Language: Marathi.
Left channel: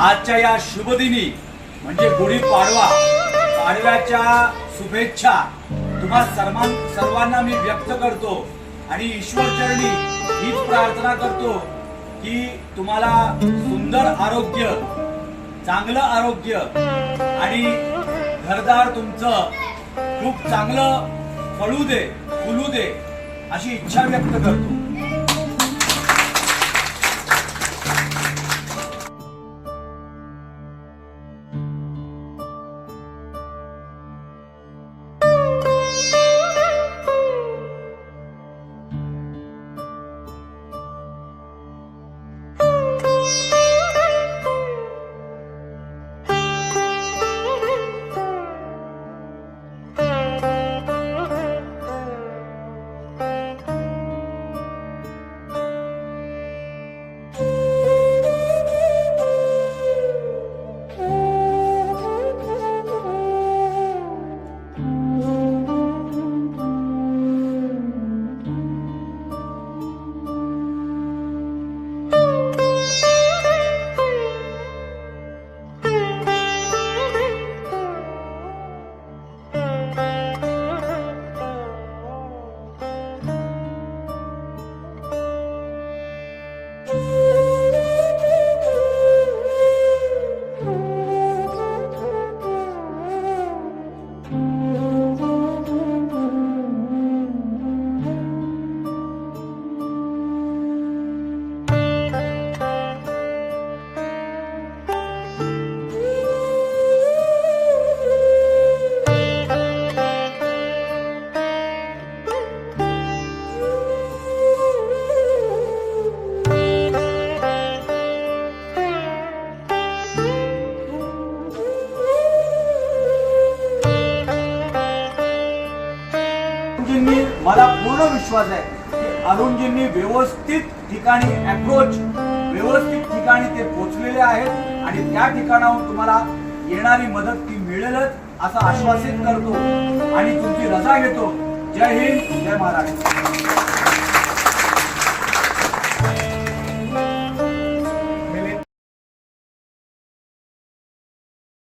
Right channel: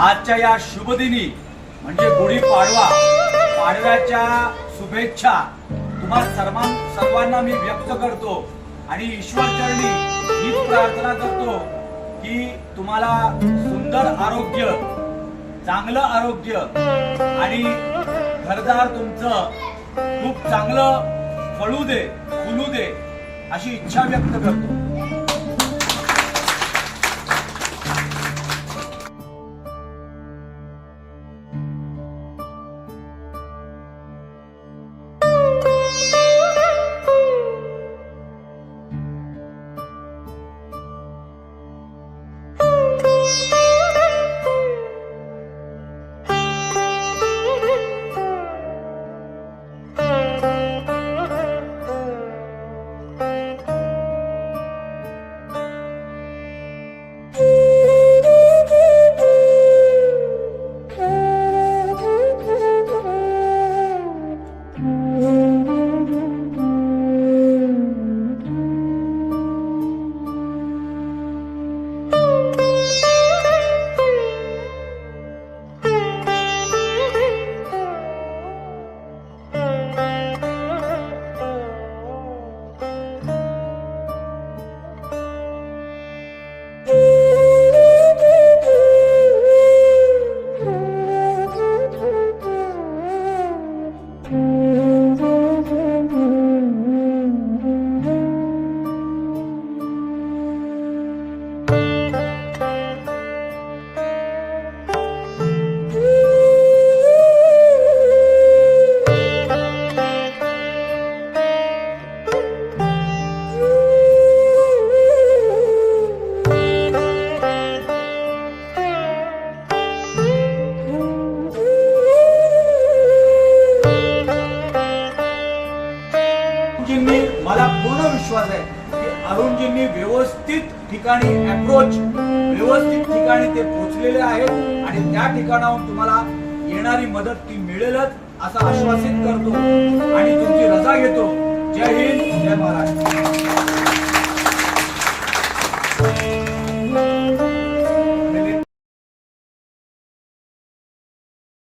आजच्या या शुभदिनी म्हणजे गुढीपाडवा, पाडव्याच्या शुभेच्छा तुम्हा सर्वांना मी व्यक्त करतो आणि ईश्वरचरणी हीच प्रार्थना करतो की तुम्हाला सुंदर आरोग्य, चांगलं आरोग्य आणि घरदार तुमचं खूप चांगलं फळू दे, फुलू दे अशी इच्छा व्यक्त करतो। मला पूर्ण विश्वास आहे की अरुणजींनी व्यवस्थित ठिकाणी अप्रोच, व्यवस्थित ठिकाणी ते पोहोचलेले आहेत आणि त्या ठिकाणाहून तुम्हाला येणारी मदत ती मिळेलच असं आश्वासित करतो आणि तुमची रजा घेतो। जय हिंद, जय महाराष्ट्र।